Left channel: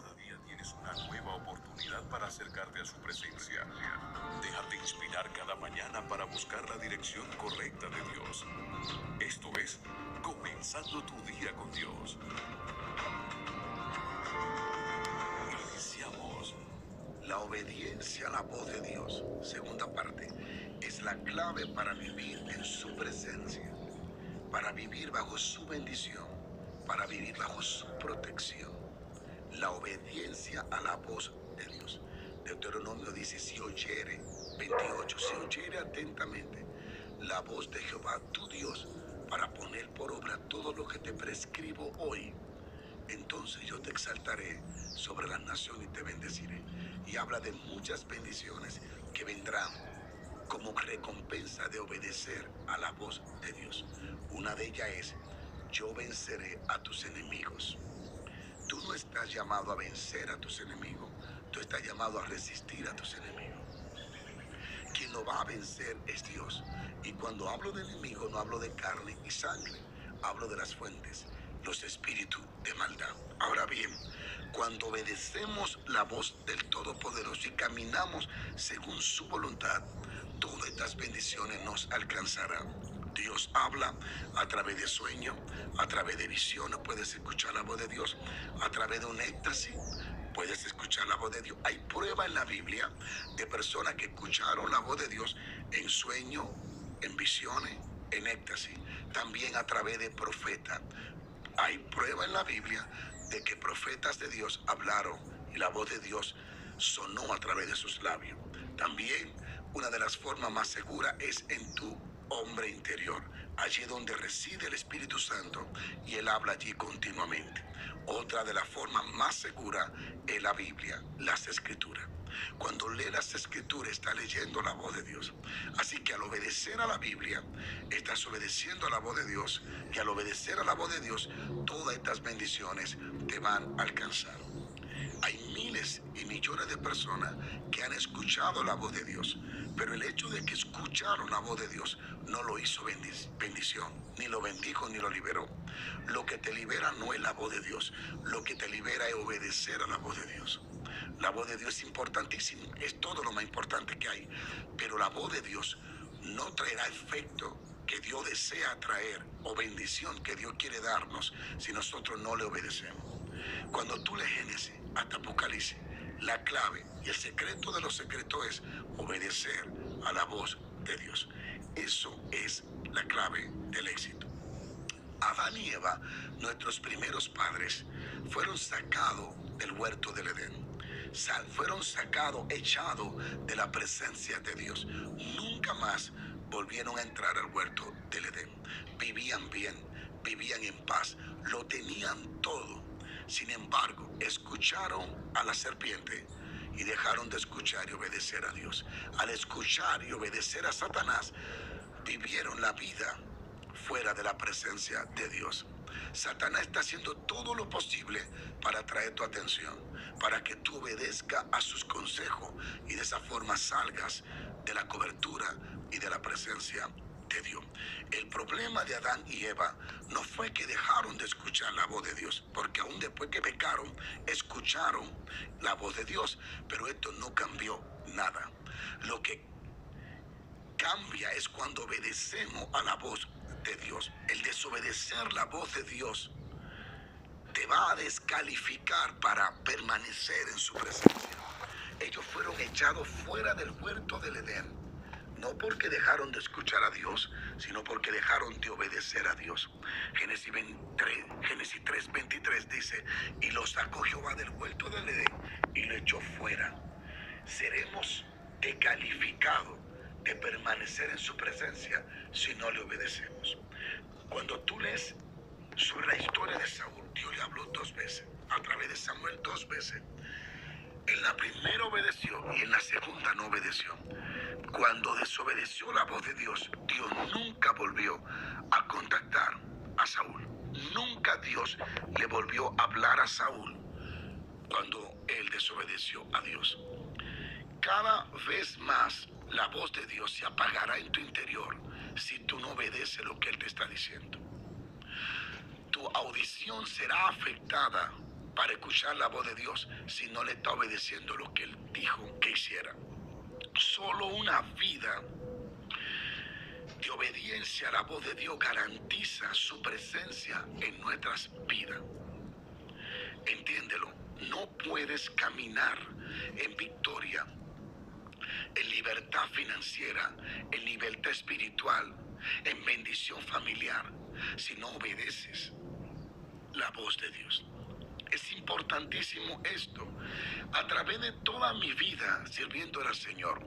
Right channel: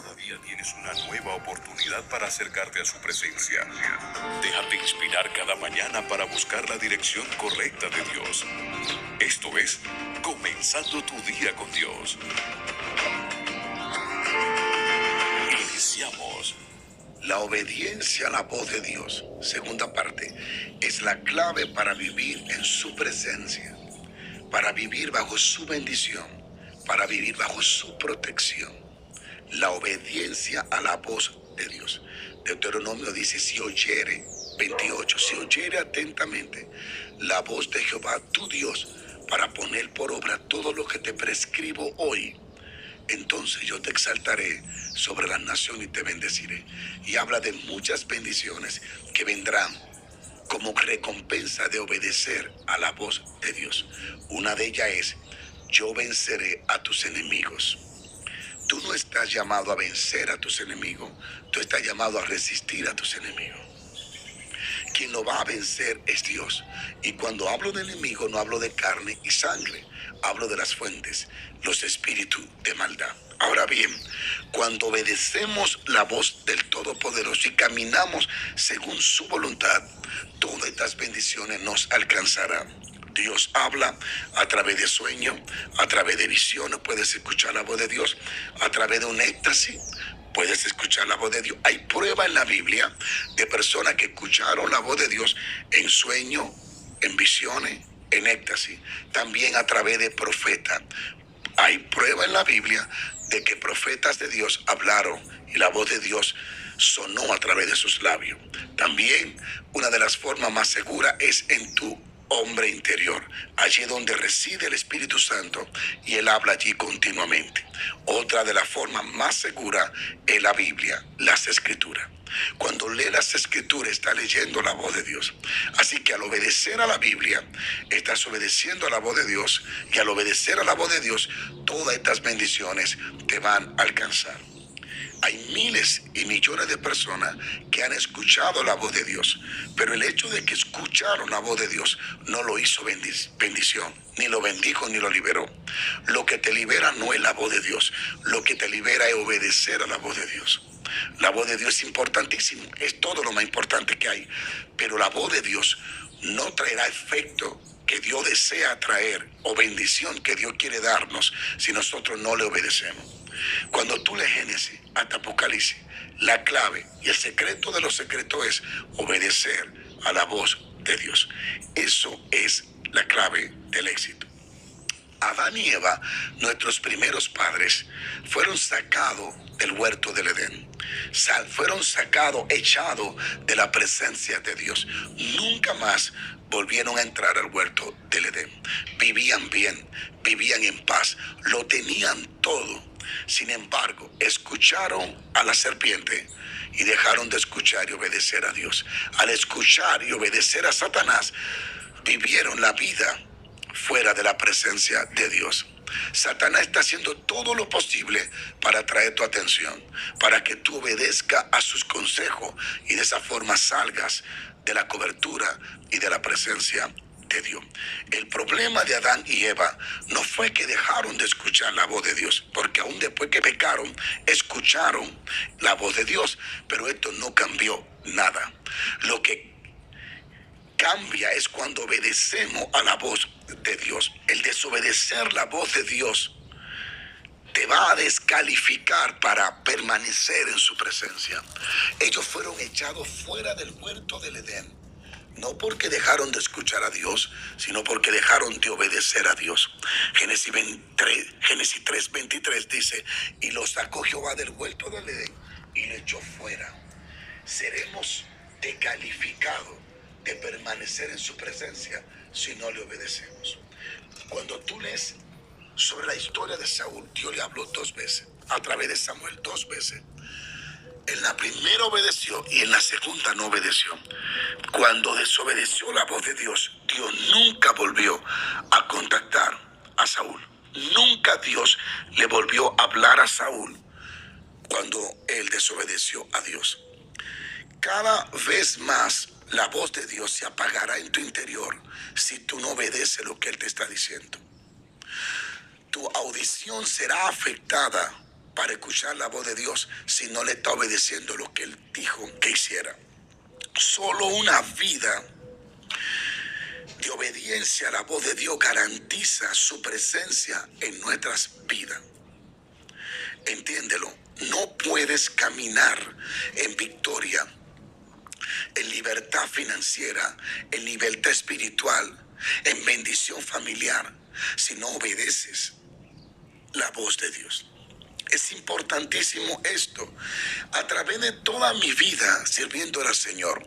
Cada día tienes una nueva oportunidad para acercarte a su presencia. Déjate inspirar cada mañana para buscar la dirección correcta de Dios. Esto es Comenzando tu día con Dios. Iniciamos. La obediencia a la voz de Dios, segunda parte, es la clave para vivir en su presencia, para vivir bajo su bendición, para vivir bajo su protección. La obediencia a la voz de Dios. Deuteronomio dice, si oyere, 28, si oyere atentamente la voz de Jehová tu Dios, para poner por obra todo lo que te prescribo hoy, entonces yo te exaltaré sobre las naciones y te bendeciré. Y habla de muchas bendiciones que vendrán como recompensa de obedecer a la voz de Dios. Una de ellas es, yo venceré a tus enemigos. Tú no estás llamado a vencer a tus enemigos, tú estás llamado a resistir a tus enemigos. Quien lo va a vencer es Dios. Y cuando hablo de enemigo, no hablo de carne y sangre, hablo de las fuentes, los espíritus de maldad. Ahora bien, cuando obedecemos la voz del Todopoderoso y caminamos según su voluntad, todas estas bendiciones nos alcanzarán. Dios habla a través de sueños, a través de visiones, puedes escuchar la voz de Dios, a través de un éxtasis, puedes escuchar la voz de Dios. Hay pruebas en la Biblia de personas que escucharon la voz de Dios en sueños, en visiones, en éxtasis, también a través de profetas. Hay prueba en la Biblia de que profetas de Dios hablaron y la voz de Dios sonó a través de sus labios. También una de las formas más seguras es en tu hombre interior, allí donde reside el Espíritu Santo y Él habla allí continuamente. Otra de las formas más seguras es la Biblia, las Escrituras. Cuando lee las Escrituras está leyendo la voz de Dios. Así que al obedecer a la Biblia, estás obedeciendo a la voz de Dios, y al obedecer a la voz de Dios, todas estas bendiciones te van a alcanzar. Hay miles y millones de personas que han escuchado la voz de Dios, pero el hecho de que escucharon la voz de Dios no lo hizo bendición, ni lo bendijo ni lo liberó. Lo que te libera no es la voz de Dios, lo que te libera es obedecer a la voz de Dios. La voz de Dios es importantísima, es todo lo más importante que hay, pero la voz de Dios no traerá efecto que Dios desea traer o bendición que Dios quiere darnos si nosotros no le obedecemos. Cuando tú lees Génesis hasta Apocalipsis, la clave y el secreto de los secretos es obedecer a la voz de Dios. Eso es la clave del éxito. Adán y Eva, nuestros primeros padres, fueron sacados del huerto del Edén. Fueron sacados, echados de la presencia de Dios. Nunca más volvieron a entrar al huerto del Edén. Vivían bien, vivían en paz, lo tenían todo. Sin embargo, escucharon a la serpiente y dejaron de escuchar y obedecer a Dios. Al escuchar y obedecer a Satanás, vivieron la vida fuera de la presencia de Dios. Satanás está haciendo todo lo posible para atraer tu atención, para que tú obedezcas a sus consejos y de esa forma salgas de la cobertura y de la presencia de Dios. El problema de Adán y Eva no fue que dejaron de escuchar la voz de Dios, porque aún después que pecaron, escucharon la voz de Dios, pero esto no cambió nada. Lo que cambia es cuando obedecemos a la voz de Dios. El desobedecer la voz de Dios te va a descalificar para permanecer en su presencia. Ellos fueron echados fuera del huerto del Edén, no porque dejaron de escuchar a Dios, sino porque dejaron de obedecer a Dios. Génesis 3:23 dice, y lo sacó Jehová del huerto del Edén y lo echó fuera. Seremos descalificados de permanecer en su presencia si no le obedecemos. Cuando tú lees sobre la historia de Saúl, Dios le habló 2 veces, a través de Samuel 2 veces. En la primera obedeció y en la segunda no obedeció. Cuando desobedeció la voz de Dios, Dios nunca volvió a contactar a Saúl. Nunca Dios le volvió a hablar a Saúl cuando él desobedeció a Dios. Cada vez más la voz de Dios se apagará en tu interior si tú no obedeces lo que Él te está diciendo. Tu audición será afectada para escuchar la voz de Dios si no le está obedeciendo lo que Él dijo que hiciera. Solo una vida de obediencia a la voz de Dios garantiza su presencia en nuestras vidas. Entiéndelo, no puedes caminar en victoria, en libertad financiera, en libertad espiritual, en bendición familiar, si no obedeces la voz de Dios. Es importantísimo esto. A través de toda mi vida sirviendo al Señor,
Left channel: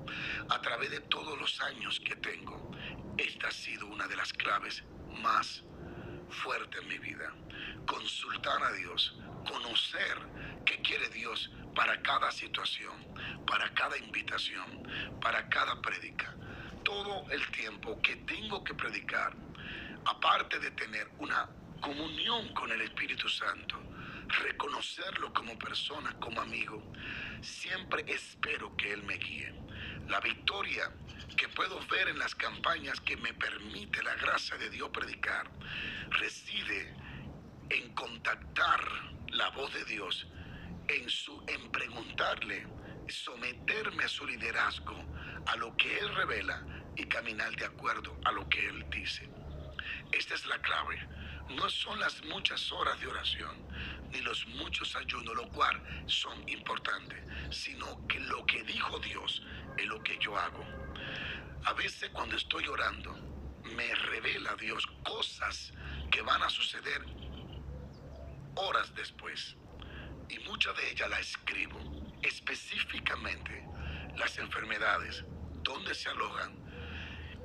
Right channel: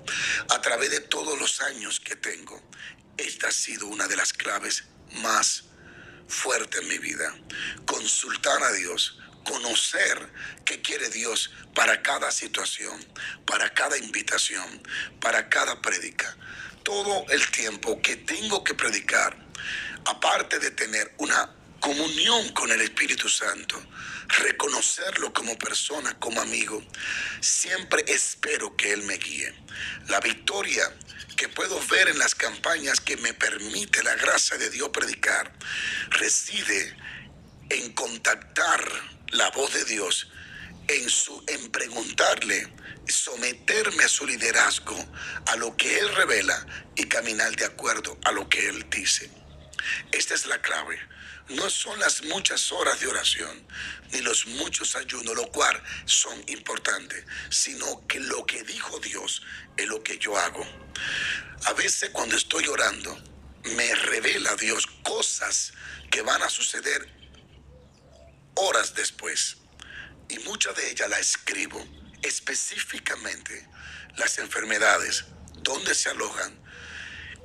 a través de todos los años que tengo, esta ha sido una de las claves más fuertes en mi vida. Consultar a Dios, conocer qué quiere Dios para cada situación, para cada invitación, para cada prédica. Todo el tiempo que tengo que predicar, aparte de tener una comunión con el Espíritu Santo, reconocerlo como persona, como amigo, siempre espero que Él me guíe. La victoria que puedo ver en las campañas que me permite la gracia de Dios predicar, reside en contactar la voz de Dios, en preguntarle, someterme a su liderazgo, a lo que Él revela y caminar de acuerdo a lo que Él dice. Esta es la clave. No son las muchas horas de oración, ni los muchos ayunos, lo cual son importantes, sino que lo que dijo Dios es lo que yo hago. A veces cuando estoy orando, me revela Dios cosas que van a suceder horas después. Y muchas de ellas las escribo específicamente, las enfermedades, dónde se alojan,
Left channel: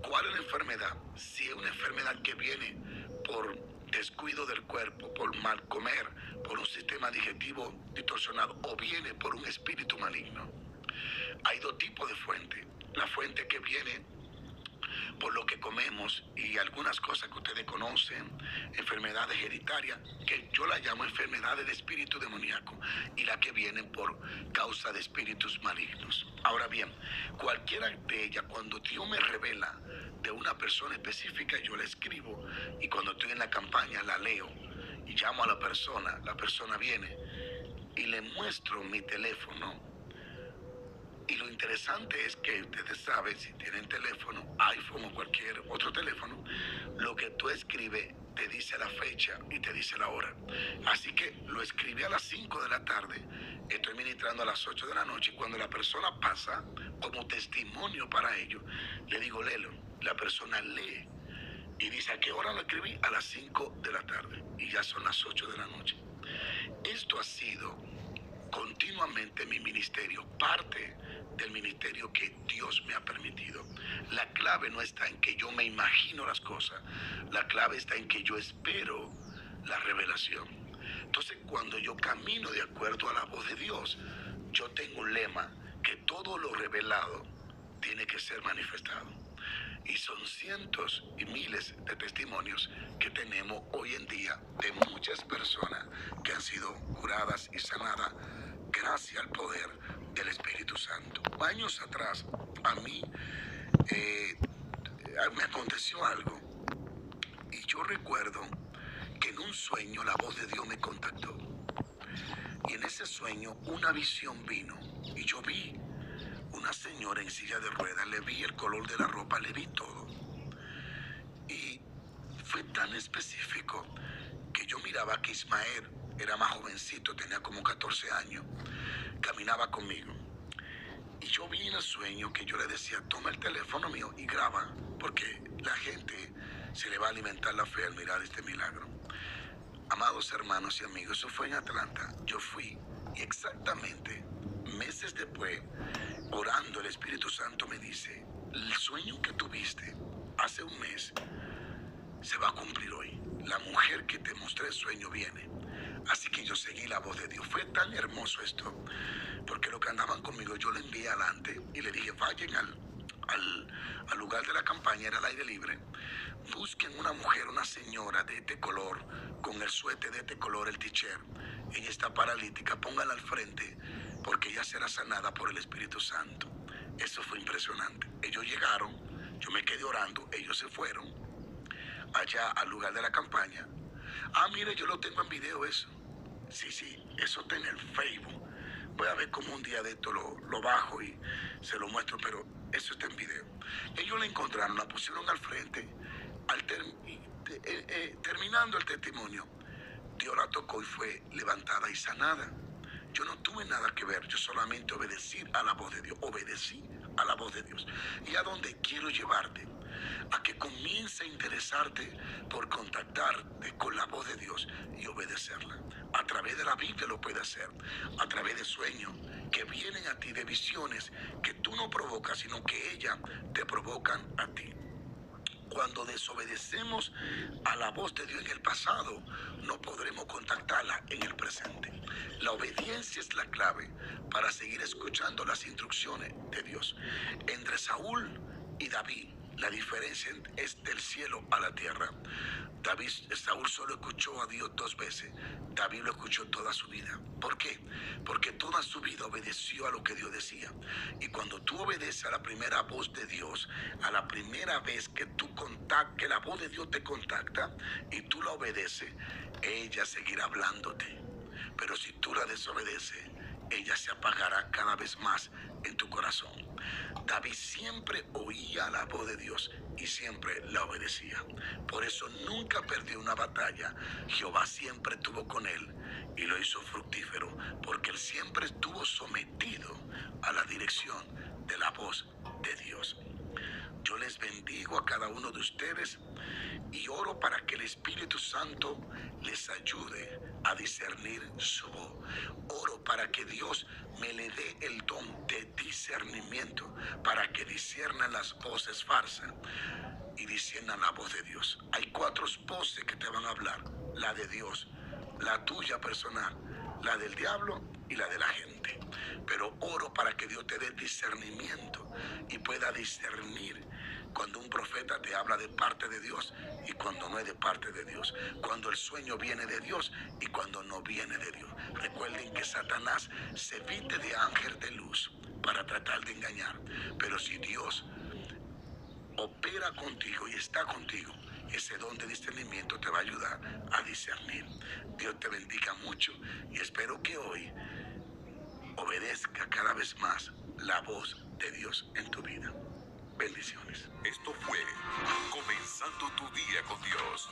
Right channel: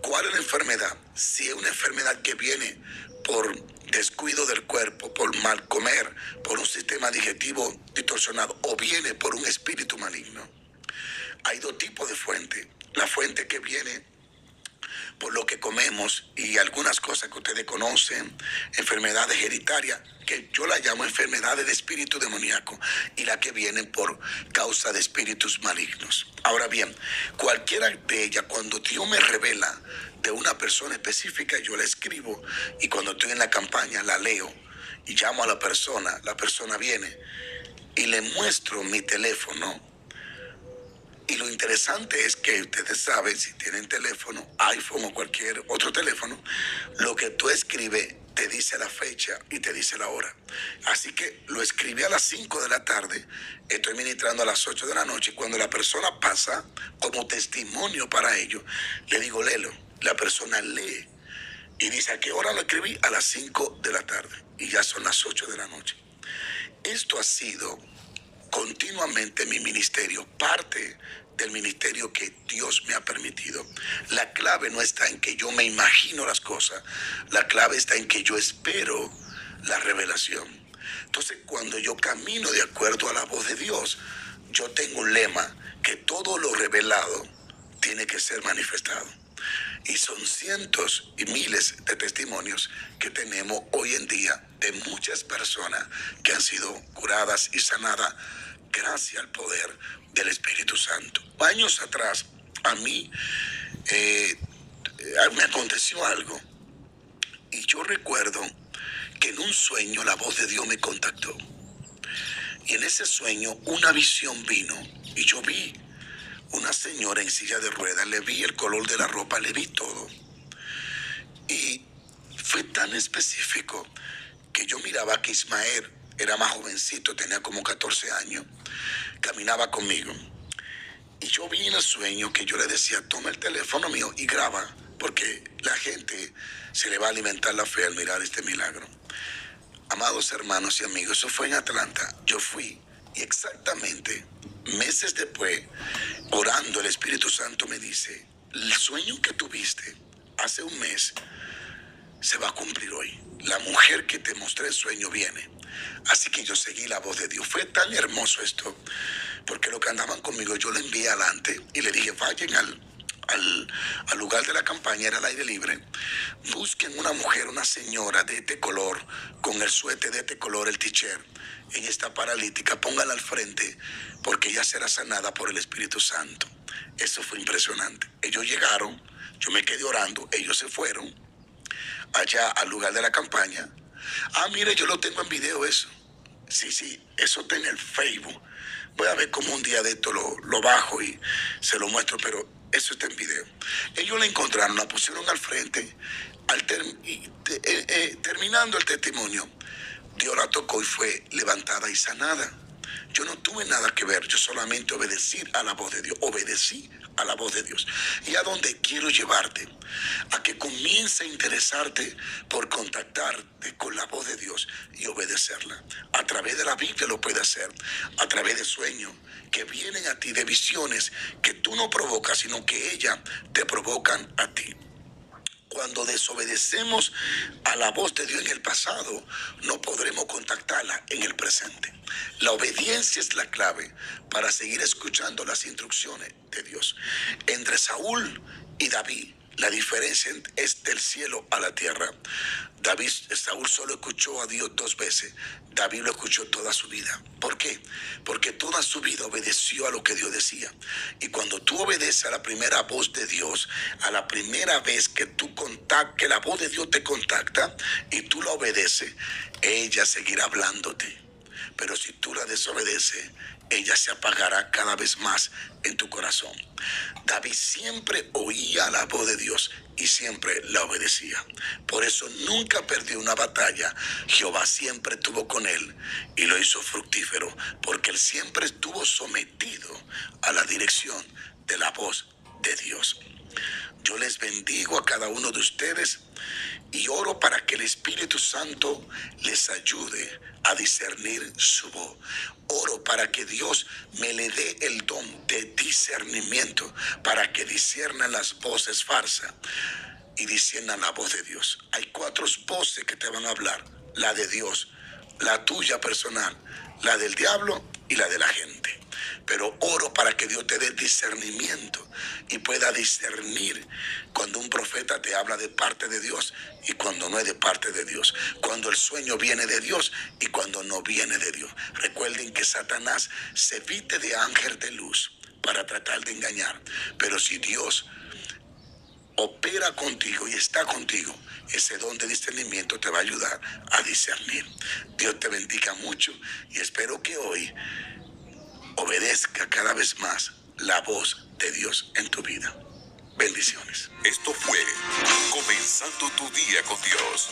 cuál es la enfermedad, si es una enfermedad que viene por descuido del cuerpo, por mal comer, por un sistema digestivo distorsionado, o viene por un espíritu maligno. Hay dos tipos de fuentes. La fuente que viene por lo que comemos y algunas cosas que ustedes conocen, enfermedades hereditarias, que yo las llamo enfermedades de espíritu demoníaco, y las que vienen por causa de espíritus malignos. Ahora bien, cualquiera de ellas, cuando Dios me revela de una persona específica, yo la escribo, y cuando estoy en la campaña la leo y llamo a la persona viene y le muestro mi teléfono. Y lo interesante es que ustedes saben, si tienen teléfono, iPhone o cualquier otro teléfono, lo que tú escribes te dice la fecha y te dice la hora. Así que lo escribí a las 5 de la tarde, estoy ministrando a las 8 de la noche, y cuando la persona pasa como testimonio para ello, le digo, léelo. La persona lee y dice, ¿a qué hora lo escribí? A las 5 de la tarde, y ya son las 8 de la noche. Esto ha sido continuamente mi ministerio, parte del ministerio que Dios me ha permitido. La clave no está en que yo me imagino las cosas, la clave está en que yo espero la revelación. Entonces, cuando yo camino de acuerdo a la voz de Dios, yo tengo un lema, que todo lo revelado tiene que ser manifestado. Y son cientos y miles de testimonios que tenemos hoy en día de muchas personas que han sido curadas y sanadas gracias al poder del Espíritu Santo. Años atrás, a mí me aconteció algo, y yo recuerdo que en un sueño la voz de Dios me contactó. Y en ese sueño una visión vino, y yo vi una señora en silla de ruedas, le vi el color de la ropa, le vi todo. Y fue tan específico que yo miraba que Ismael era más jovencito, tenía como 14 años, caminaba conmigo. Y yo vi en el sueño que yo le decía, toma el teléfono mío y graba, porque la gente se le va a alimentar la fe al mirar este milagro. Amados hermanos y amigos, eso fue en Atlanta. Yo fui, y exactamente meses después, orando, el Espíritu Santo me dice, el sueño que tuviste hace un mes se va a cumplir hoy. La mujer que te mostré el sueño viene. Así que yo seguí la voz de Dios. Fue tan hermoso esto, porque los que andaban conmigo yo le envié adelante y le dije, vayan al lugar de la campaña, era al aire libre, busquen una mujer, una señora de este color, con el suéter de este color, el t-shirt. Ella está paralítica, póngala al frente, porque ella será sanada por el Espíritu Santo. Eso fue impresionante. Ellos llegaron, yo me quedé orando, ellos se fueron allá al lugar de la campaña. Mire, yo lo tengo en video eso. Sí, eso está en el Facebook. Voy a ver cómo un día de esto lo bajo y se lo muestro, pero eso está en video. Ellos la encontraron, la pusieron al frente, terminando el testimonio, Dios la tocó y fue levantada y sanada. Yo no tuve nada que ver, yo solamente obedecí a la voz de Dios, obedecí a la voz de Dios. Y a donde quiero llevarte, a que comience a interesarte por contactarte con la voz de Dios y obedecerla. A través de la Biblia lo puedes hacer, a través de sueños que vienen a ti, de visiones que tú no provocas, sino que ellas te provocan a ti. Cuando desobedecemos a la voz de Dios en el pasado, no podremos contactarla en el presente. La obediencia es la clave para seguir escuchando las instrucciones de Dios. Entre Saúl y David, la diferencia es del cielo a la tierra. Saúl solo escuchó a Dios 2 veces. David lo escuchó toda su vida. ¿Por qué? Porque toda su vida obedeció a lo que Dios decía. Y cuando tú obedeces a la primera voz de Dios, a la primera vez que que la voz de Dios te contacta y tú la obedeces, ella seguirá hablándote. Pero si tú la desobedeces, ella se apagará cada vez más en tu corazón. David siempre oía la voz de Dios y siempre la obedecía. Por eso nunca perdió una batalla. Jehová siempre estuvo con él y lo hizo fructífero, porque él siempre estuvo sometido a la dirección de la voz de Dios. Yo les bendigo a cada uno de ustedes y oro para que el Espíritu Santo les ayude a discernir su voz. Oro para que Dios me le dé el don de discernimiento, para que disciernan las voces falsas y disciernan la voz de Dios. Hay 4 voces que te van a hablar: la de Dios, la tuya personal, la del diablo y la de la gente. Pero oro para que Dios te dé discernimiento y pueda discernir cuando un profeta te habla de parte de Dios y cuando no es de parte de Dios, cuando el sueño viene de Dios y cuando no viene de Dios. Recuerden que Satanás se viste de ángel de luz para tratar de engañar, pero si Dios opera contigo y está contigo, ese don de discernimiento te va a ayudar a discernir. Dios te bendiga mucho y espero que hoy obedezca cada vez más la voz de Dios en tu vida. Bendiciones. Esto fue Comenzando tu día con Dios.